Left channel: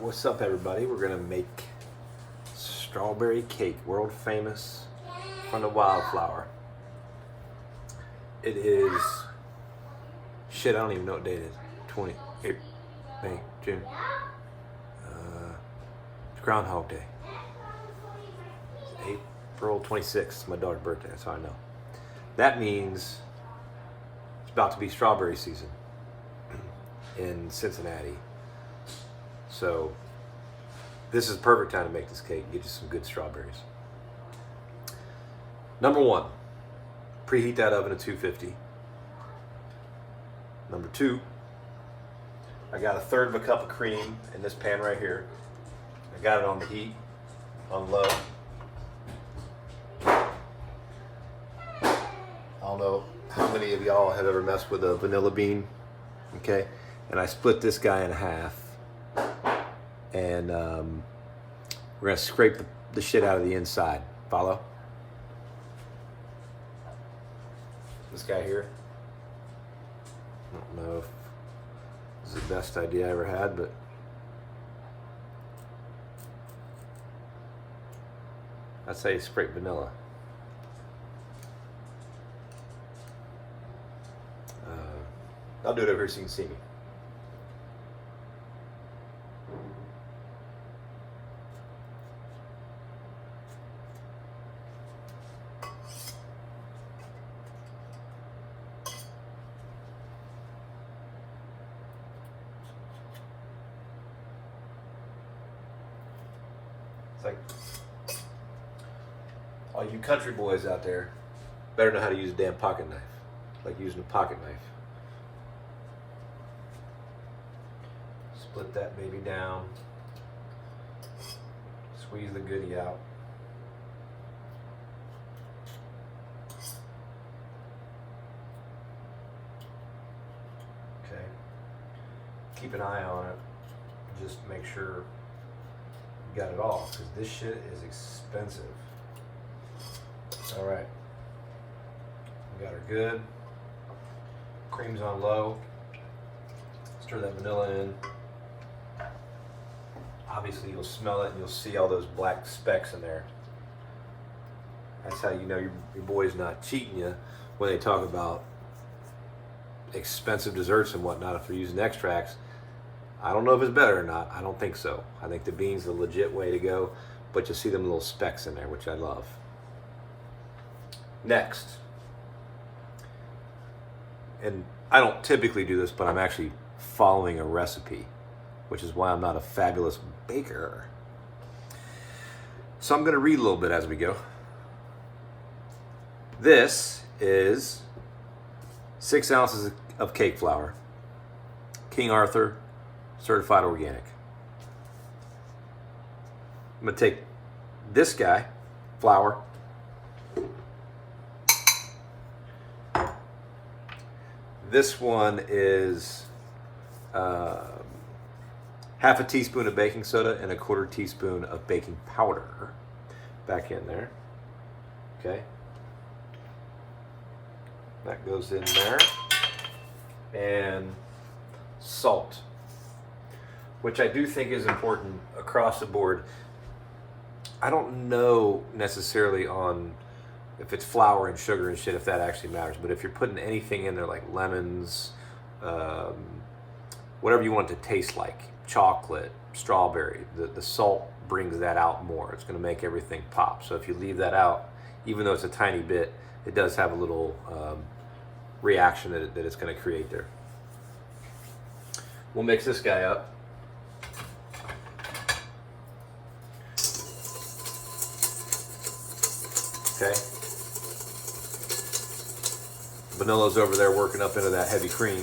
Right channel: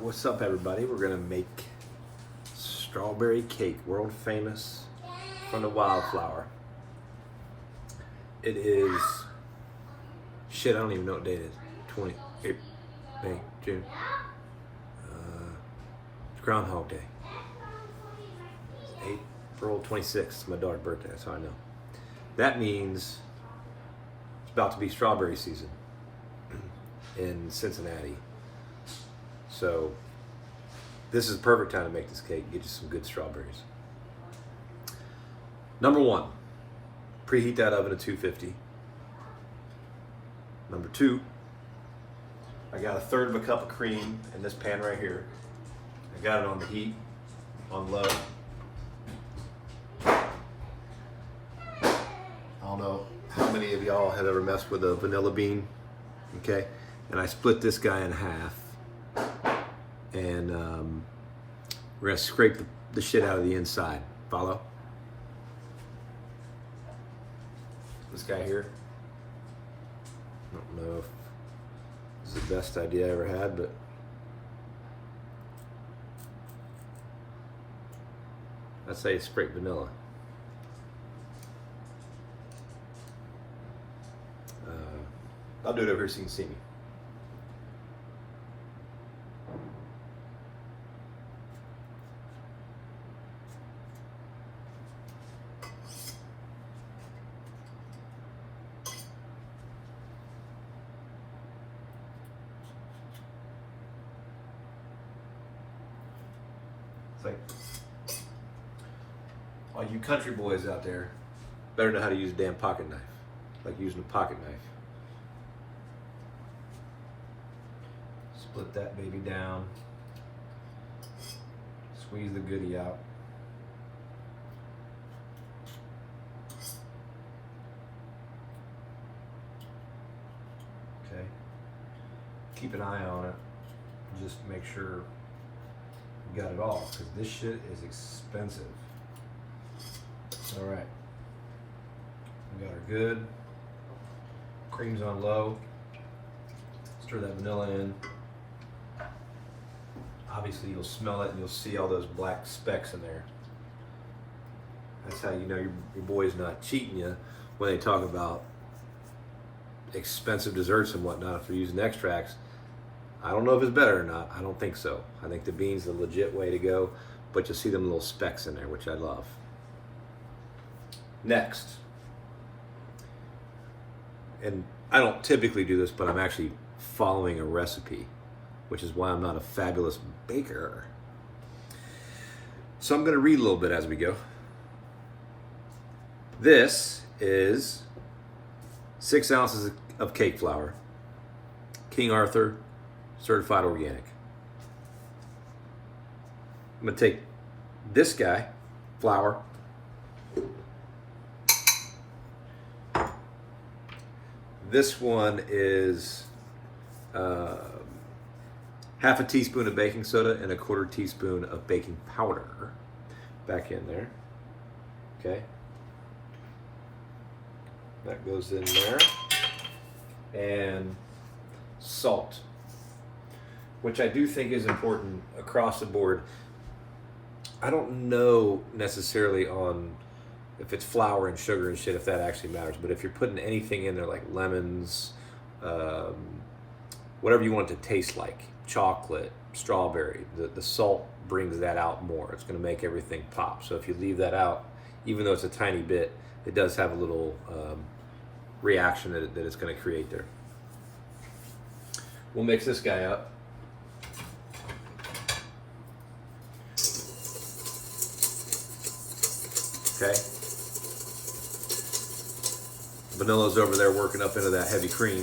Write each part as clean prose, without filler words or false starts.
What's up, everybody? We're gonna make strawberry cake, world famous, from the Wildflower. It is shit. I don't even know what date it is. 28 May, June. It's Groundhog Day. It's April 26th. It's my daughter's birthday. That's how I know. That means it's about to be strawberry season in Cincinnati. So this is the perfect time to make this cake. Get you some good strawberries. Number one, preheat that oven at 250. Number two, I got 1/3 of a cup of cream in this pan right here. I got it on the heat, on low. I don't know how many of y'all have ever messed with a vanilla bean, okay? And I split this guy in half. And we're gonna scrape the shit out of the inside. Follow? This guy here. I don't know if this is the best idea I ever had, but I'd say scrape vanilla. I'll do it over here so you can see me. Like, all you country boys out there better know how to use a damn pocket knife, like using a pocket knife. Split that baby down, squeeze the goodie out. Okay, keep an eye on it, just make sure you got it all, because this shit is expensive. All right, we got her good. Cream's on low. Stir that vanilla in. Obviously you'll smell it and you'll see all those black specks in there. That's how you know your boy's not cheating you when they talk about expensive desserts and whatnot if they're using extracts. I don't know if it's better or not. I don't think so. I think the bean's the legit way to go, but you'll see them little specks in there, which I love. Next, and I don't typically do this, but I'm actually following a recipe, which is why I'm not a fabulous baker. So I'm gonna read a little bit as we go. This is 6 ounces of cake flour, King Arthur, certified organic. I'm gonna take this guy, flour, this one is half a teaspoon of baking soda and 1/4 teaspoon of baking powder. Back in there, okay? That goes in there. And salt, which I do think is important across the board. I don't know necessarily on if it's flour and sugar and shit, if that actually matters, but if you're putting anything in there like lemons, whatever you want it to taste like, chocolate, strawberry, the salt brings that out more. It's gonna make everything pop. So if you leave that out, even though it's a tiny bit, it does have a little reaction that it's gonna create there. We'll mix this guy up. Okay. Vanilla's over there working up into that heavy cream.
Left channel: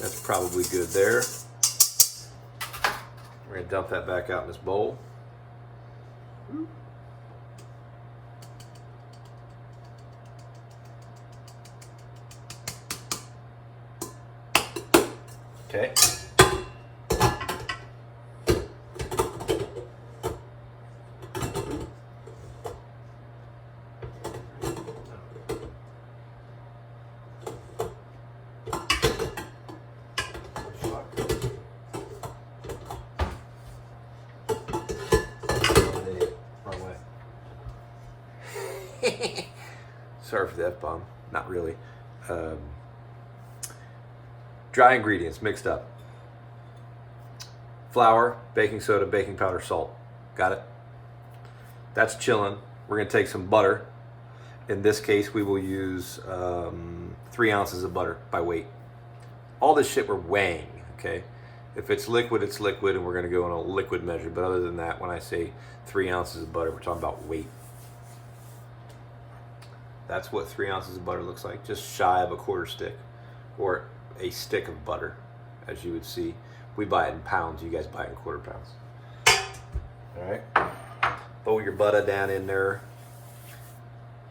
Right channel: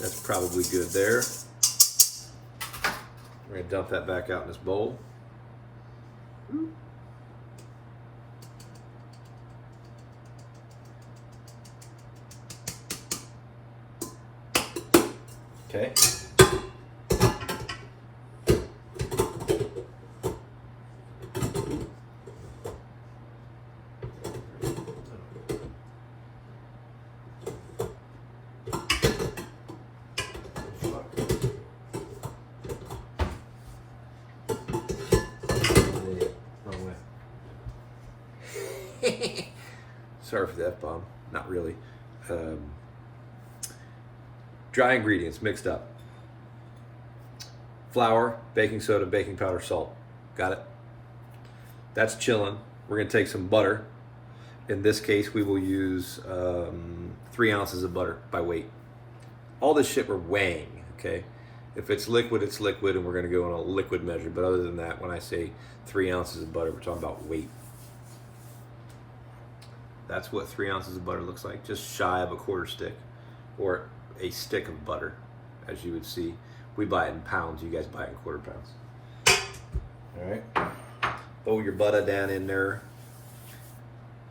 That's probably good there. We're gonna dump that back out in this bowl. Okay. sorry for the F-bomb, not really. Dry ingredients mixed up. Flour, baking soda, baking powder, salt. Got it? That's chilling. We're gonna take some butter. In this case, we will use 3 ounces of butter by weight. All this shit we're weighing, okay? If it's liquid, it's liquid, and we're gonna go on a liquid measure. But other than that, when I say 3 ounces of butter, we're talking about weight. That's what 3 ounces of butter looks like, just shy of a quarter stick, or a stick of butter, as you would see. We buy it in pounds, you guys buy it in quarter pounds. All right, throw your butter down in there,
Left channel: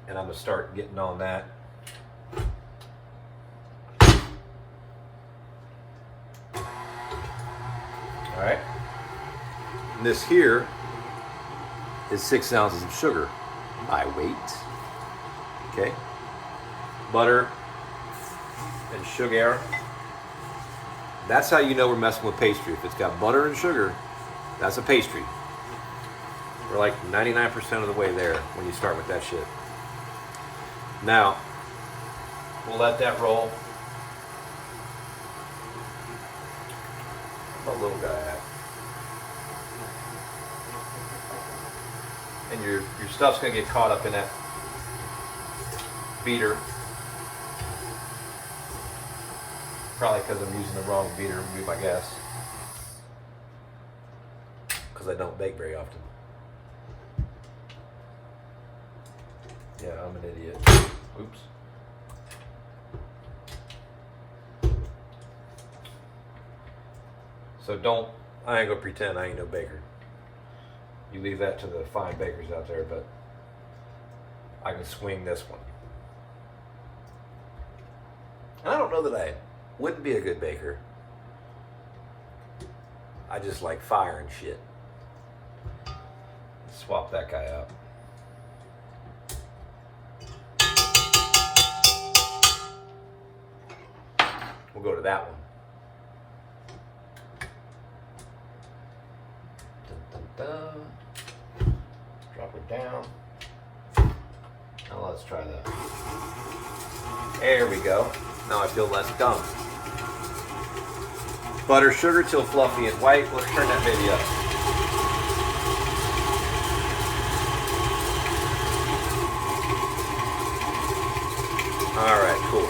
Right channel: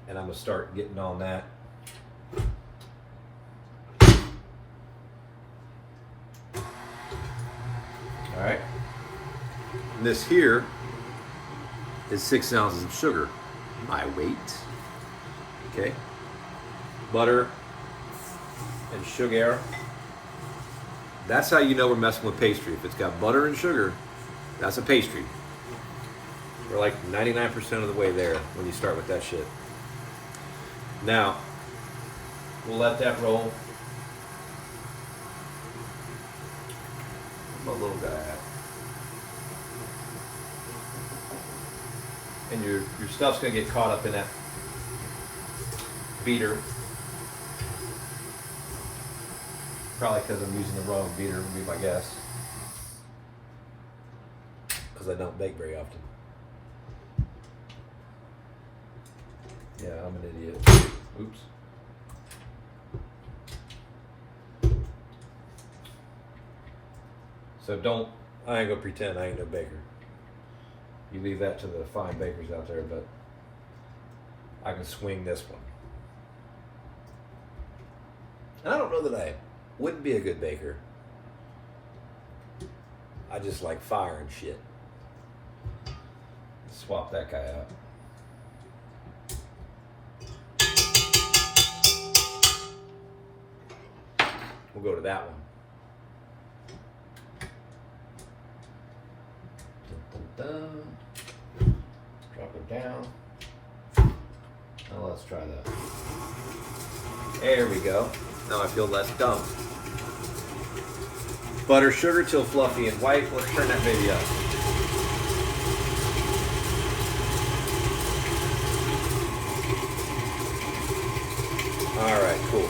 and I'm gonna start getting on that. All right, and this here is 6 ounces of sugar by weight. Okay, butter and sugar. That's how you know we're messing with pastry. If it's got butter and sugar, that's a pastry. We're like 99% of the way there when you start with that shit. Now, we'll let that roll. I'm a little guy at. And your stuff's gonna get caught up in that beater. Probably because I'm using the wrong beater, would be my guess. Because I don't bake very often. Yeah, I'm an idiot. Oops. So I ain't gonna pretend I ain't no baker. You leave that to the fine bakers out there, but I can swing this one. And I don't know that I wouldn't be a good baker. I just like fire and shit. Swap that guy out. We'll go to that one. Dun, dun, dun. Drop it down. Now let's try that. There we go. Now I feel less dumb. Butter, sugar till fluffy and white. Let's turn that baby up. All right, cool.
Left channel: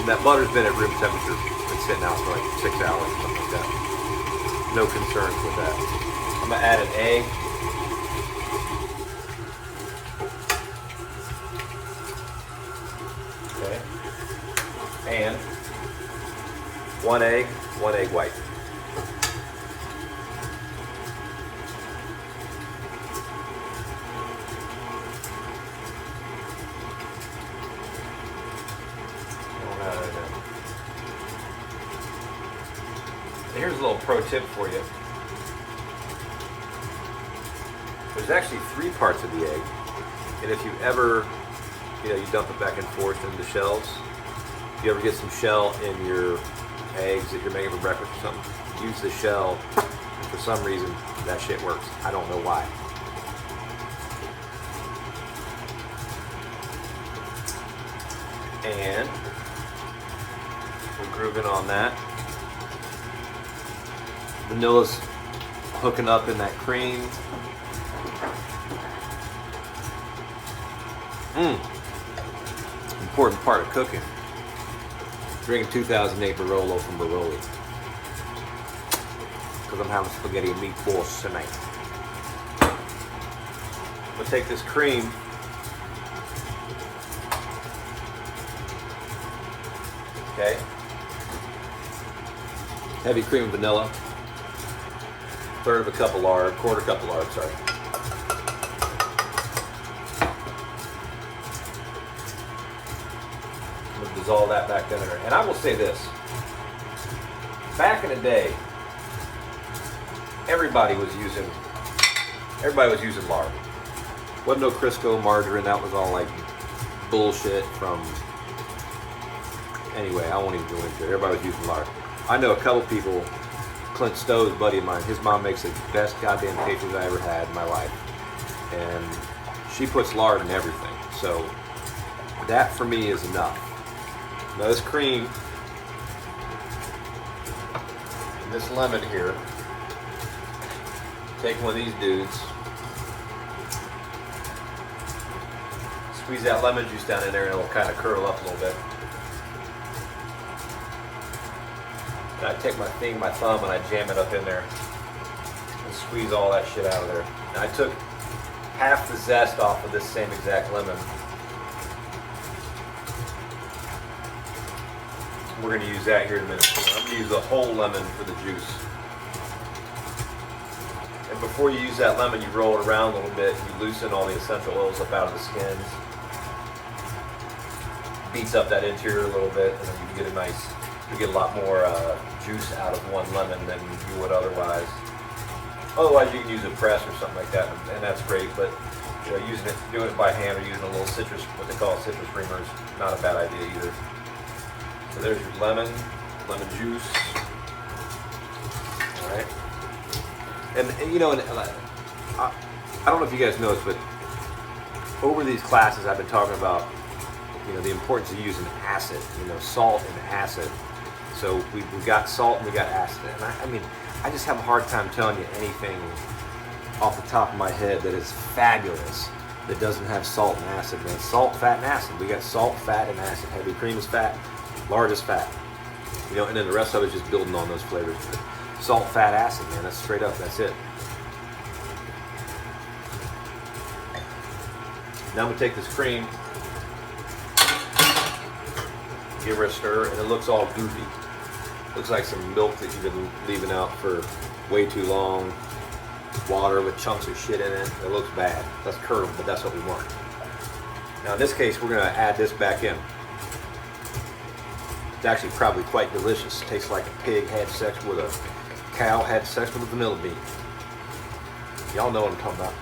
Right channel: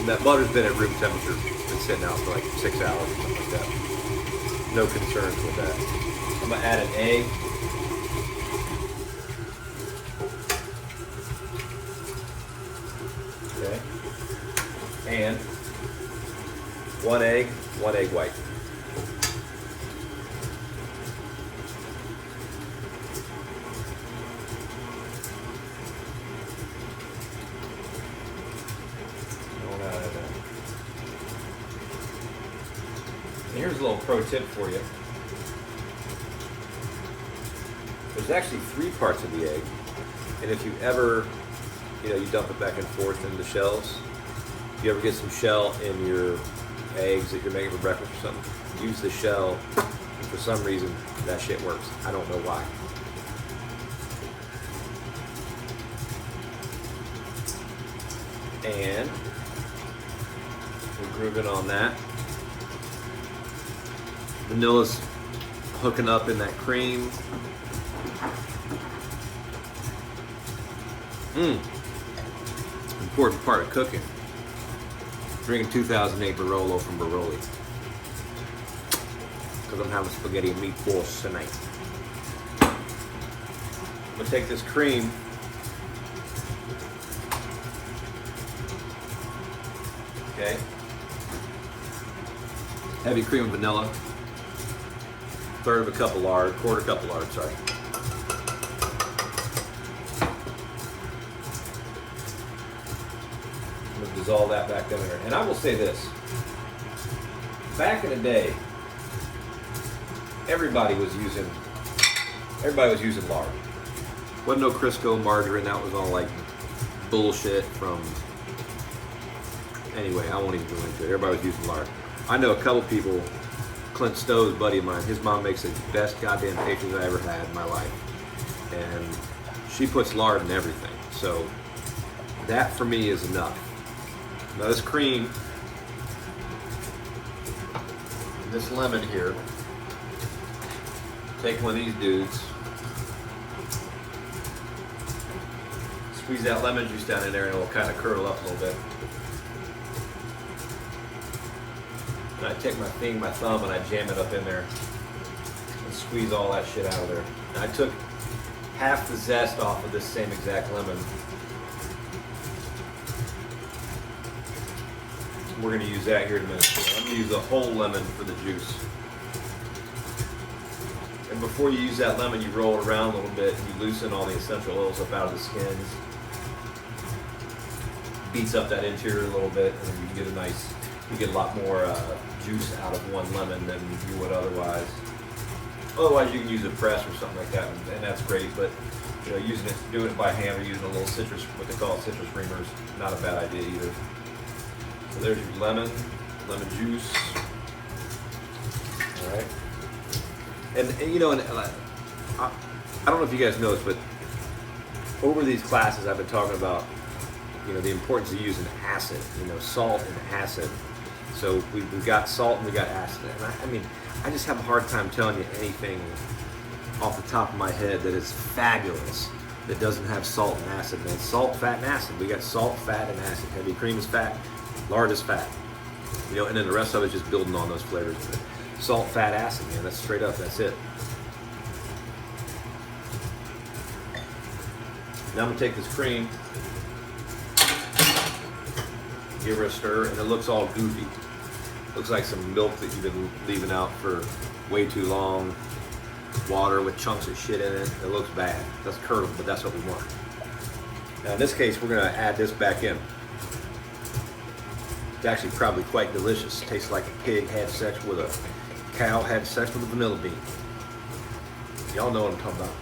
And that butter's been at room temperature. Been sitting out for like 6 hours or something like that. No concerns with that. I'm gonna add an egg. Okay. And one egg white. Here's a little pro tip for you. There's actually 3 parts of the egg, and if you ever, you dump it back and forth in the shells. If you ever get some shell in your eggs that you're making for breakfast or something, use the shell, and for some reason that shit works. I don't know why. And we're grooving on that. Vanilla's hooking up in that cream. Important part of cooking. Drinking 2008 Barolo from Baroli. Because I'm having spaghetti and meatballs tonight. I'm gonna take this cream. Okay. Heavy cream of vanilla. 1/3 of a cup of lard, 1/4 cup of lard, sorry. I'm gonna dissolve that back down there. And I will say this. Back in the day, everybody was using lard. Wasn't no Crisco margarine, that was all like bullshit from, anyway, I won't even go into it. Everybody was using lard. I know a couple people, Clint Stowe's buddy of mine, his mom makes the best goddamn pastries I ever had in my life. And she puts lard in everything. So that for me is enough. Now this cream, this lemon here, take one of these dudes, squeeze that lemon juice down in there and it'll kind of curl up a little bit. And I take my thumb and I jam it up in there and squeeze all that shit out of there. And I took half the zest off of this same exact lemon. We're going to use that here in a minute. I'm going to use the whole lemon for the juice. And before you use that lemon, you roll it around a little bit. You loosen all the essential oils up out of the skins. Beats up that interior a little bit, and then you get a lot more juice out of one lemon than you would otherwise. Otherwise, you can use a press or something like that, and that's great. But you know, doing it by hand or using a little citrus, what they call citrus reamer, is not a bad idea either. So there's your lemon juice. All right. And you know, I don't know if you guys know this, but over these classes, I've been talking about, you know, the importance of using acid. You know, salt and acid. So we've got salt and we got acid. And I mean, I just have a hard time telling you anything off the top of my head that is fabulous that doesn't have salt and acid, man. Salt, fat, and acid. We got salt, fat, and acid. Heavy cream is fat. Lard is fat. You know, and then the rest of it is just building on those flavors. Salt, fat, acid, man. That's straight up. That's it. Now I'm gonna take this cream, give her a stir, and it looks all goofy. Looks like some milk that you've been leaving out for way too long. Water with chunks of shit in it. It looks bad. That's curdled, but that's what we want. Now in this case, we're gonna add this back in. It's actually probably quite delicious. Tastes like a pig had sex with a cow had sex with a vanilla bean. Y'all know what I'm talking about.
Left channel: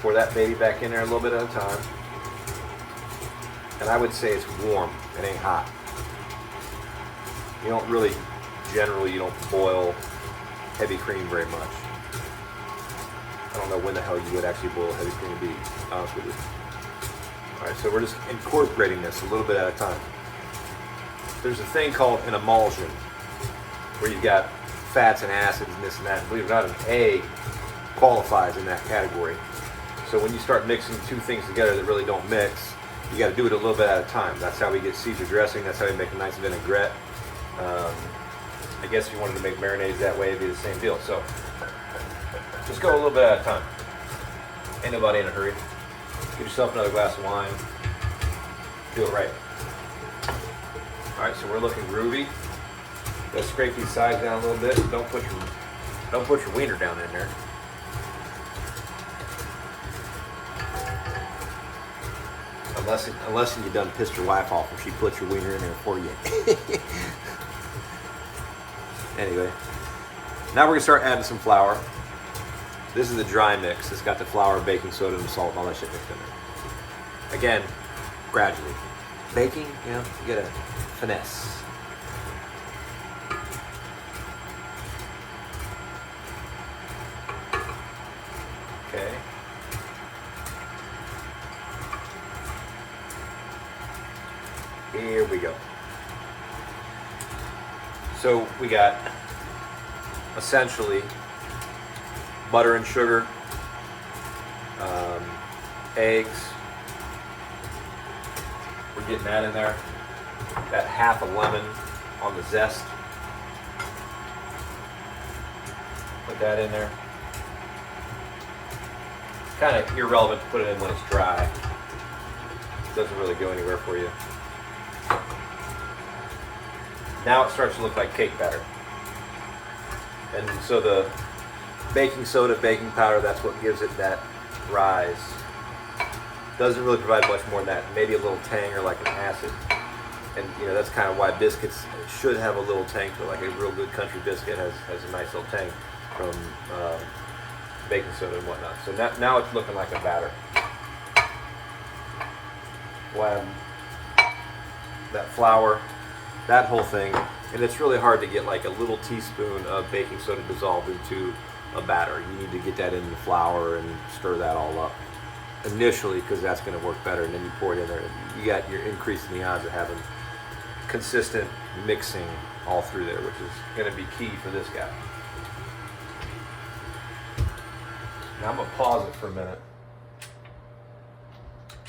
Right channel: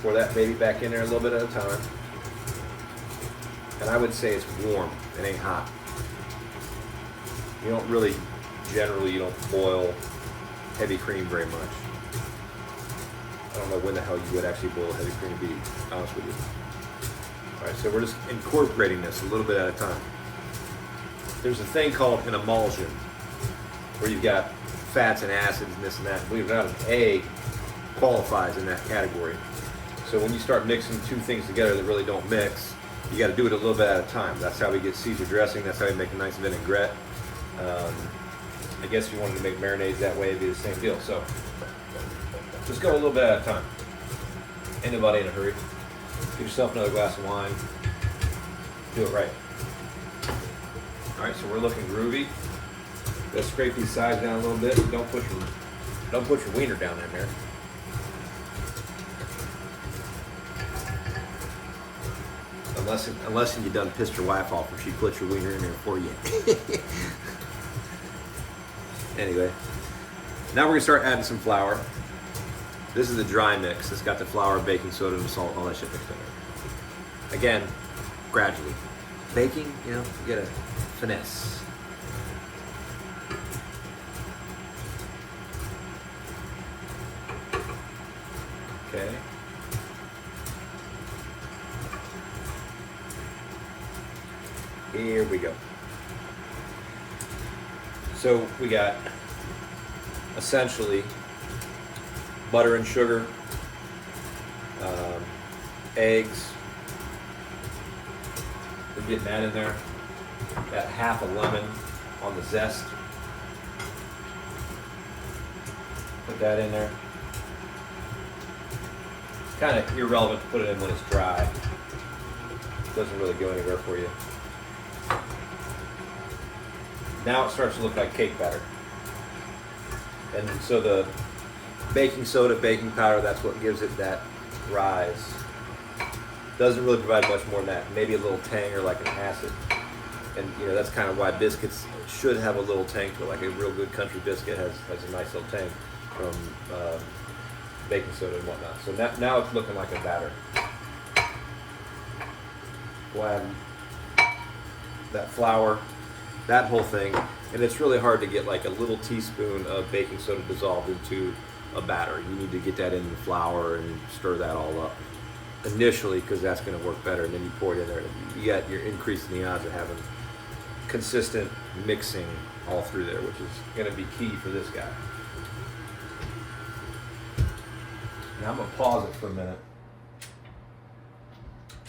Pour that baby back in there a little bit at a time. And I would say it's warm. It ain't hot. You don't really, generally, you don't boil heavy cream very much. I don't know when the hell you would actually boil heavy cream, to be honest with you. All right, so we're just incorporating this a little bit at a time. There's a thing called an emulsion, where you've got fats and acids and this and that. Believe it or not, an egg qualifies in that category. So when you start mixing two things together that really don't mix, you got to do it a little bit at a time. That's how we get Caesar dressing. That's how we make a nice vinaigrette. I guess if you wanted to make marinades that way, it'd be the same deal. So just go a little bit at a time. Ain't nobody in a hurry. Give yourself another glass of wine. Do it right. All right, so we're looking groovy. Let's scrape these sides down a little bit. Don't put your wiener down in there. Unless you done pissed your wife off and she put your wiener in there for you. Anyway, now we're gonna start adding some flour. This is a dry mix. It's got the flour, baking soda, and salt, and all that shit mixed in there. Again, gradually. Baking, you know, you gotta finesse. Okay. Here we go. So we got essentially butter and sugar, eggs. We're getting that in there. Got half a lemon on the zest. Put that in there. Kind of irrelevant to put it in when it's dry. It doesn't really go anywhere for you. Now it starts to look like cake batter. And so the baking soda, baking powder, that's what gives it that rise. Doesn't really provide much more than that. Maybe a little tang or like an acid. And you know, that's kind of why biscuits should have a little tang to it. Like a real good country biscuit has a nice little tang from baking soda and whatnot. So now it's looking like a batter. When that flour, that whole thing, and it's really hard to get like a little teaspoon of baking soda dissolved into a batter. You need to get that into the flour and stir that all up. initially because that's going to work better, and then you pour it in there. You're increasing the odds of having consistent mixing all through there, which is going to be key for this guy. Now I'm going to pause it for a minute.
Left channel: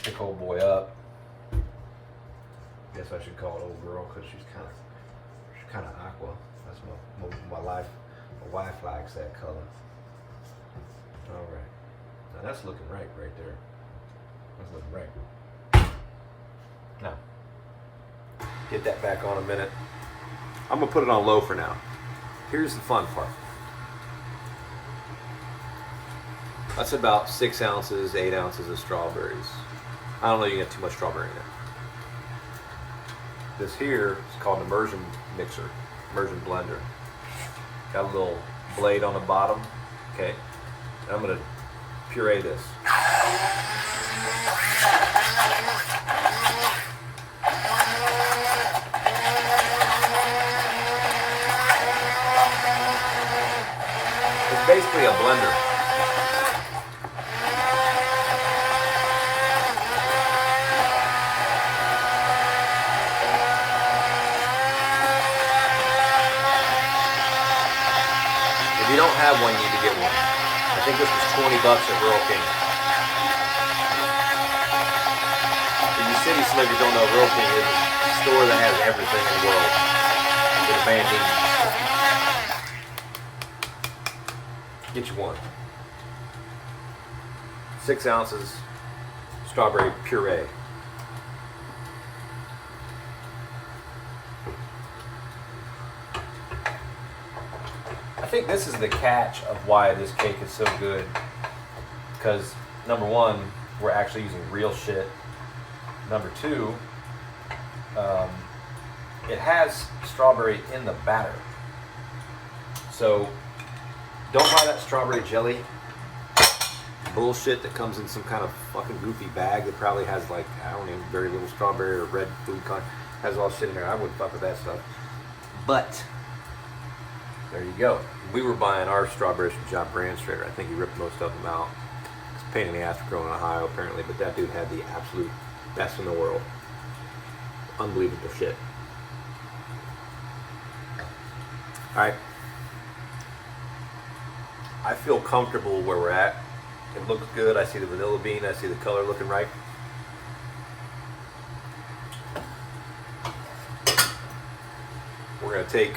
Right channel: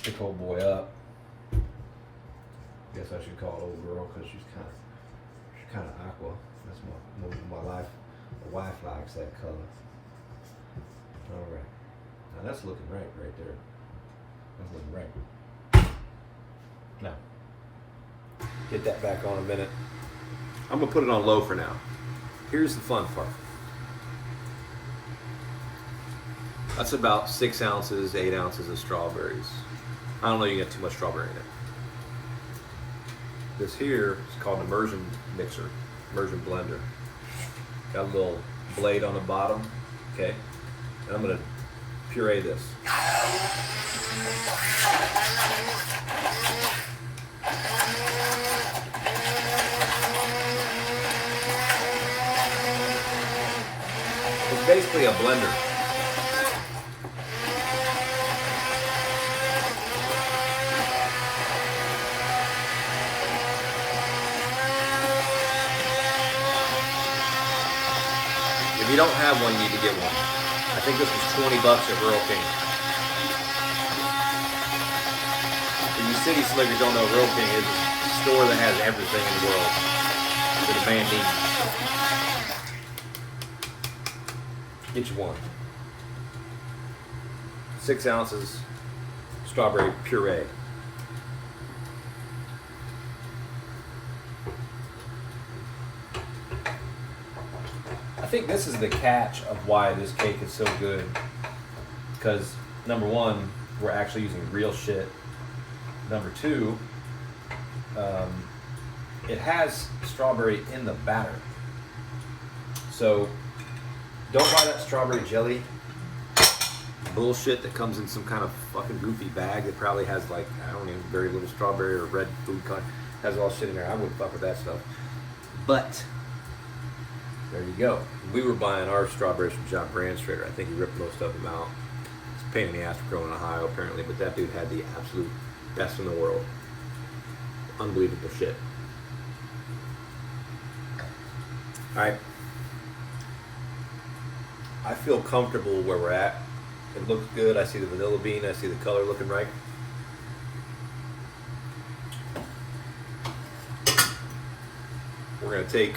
Pick old boy up. Guess I should call it old girl because she's kind of aqua. That's my wife likes that color. All right. Now that's looking right there. That's looking right. Now, get that back on a minute. I'm gonna put it on low for now. Here's the fun part. That's about 6 ounces, 8 ounces of strawberries. I don't know, you get too much strawberry in it. This here is called an immersion mixer, immersion blender. Got a little blade on the bottom, okay? And I'm gonna puree this. It's basically a blender. If you don't have one, you need to get one. I think this was $20 at Rural King. For you city slickers don't know, Rural King is a store that has everything in the world that a band needs. Get you one. 6 ounces strawberry puree. I think this is the catch of why this cake is so good, because number one, we're actually using real shit. Number two, it has strawberry in the batter. So don't buy that strawberry jelly bullshit that comes in some kind of fucking goofy bag that probably has like, I don't know, very little strawberry or red food color. Has all shit in there. I wouldn't fuck with that stuff. But there you go. We were buying our strawberries from John Brandstrader. I think he ripped most of them out. It's a pain in the ass for growing in Ohio, apparently, but that dude had the absolute best in the world. Unbelievable shit. All right. I feel comfortable where we're at. It looks good. I see the vanilla bean. I see the color looking right. We're going to take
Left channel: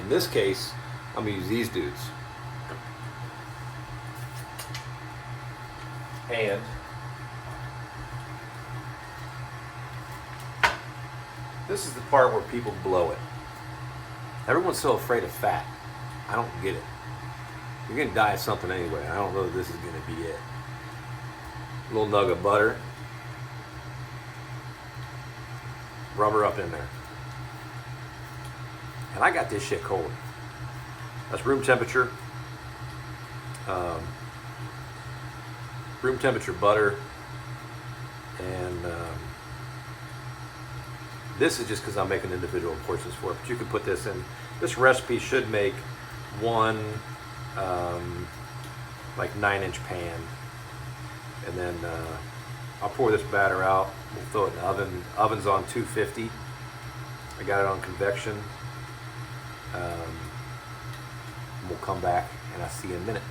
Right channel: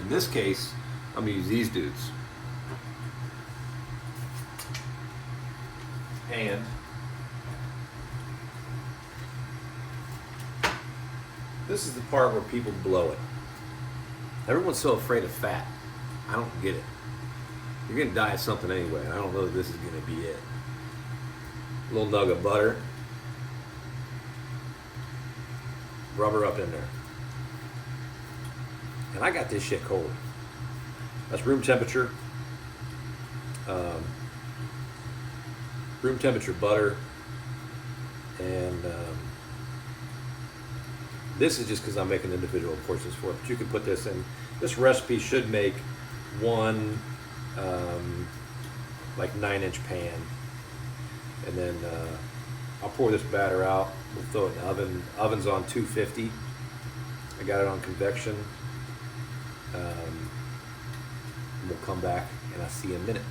in this case, I'm going to use these dudes. And this is the part where people blow it. Everyone's so afraid of fat. I don't get it. You're going to die of something anyway. I don't know that this is going to be it. A little nug of butter. Rub her up in there. And I got this shit cold. That's room temperature. Room temperature butter. And this is just because I'm making individual portions for it. But you can put this in. This recipe should make one like 9-inch pan. And then I'll pour this batter out. We'll throw it in the oven. Oven's on 250. I got it on convection. We'll come back and I'll see you in a minute.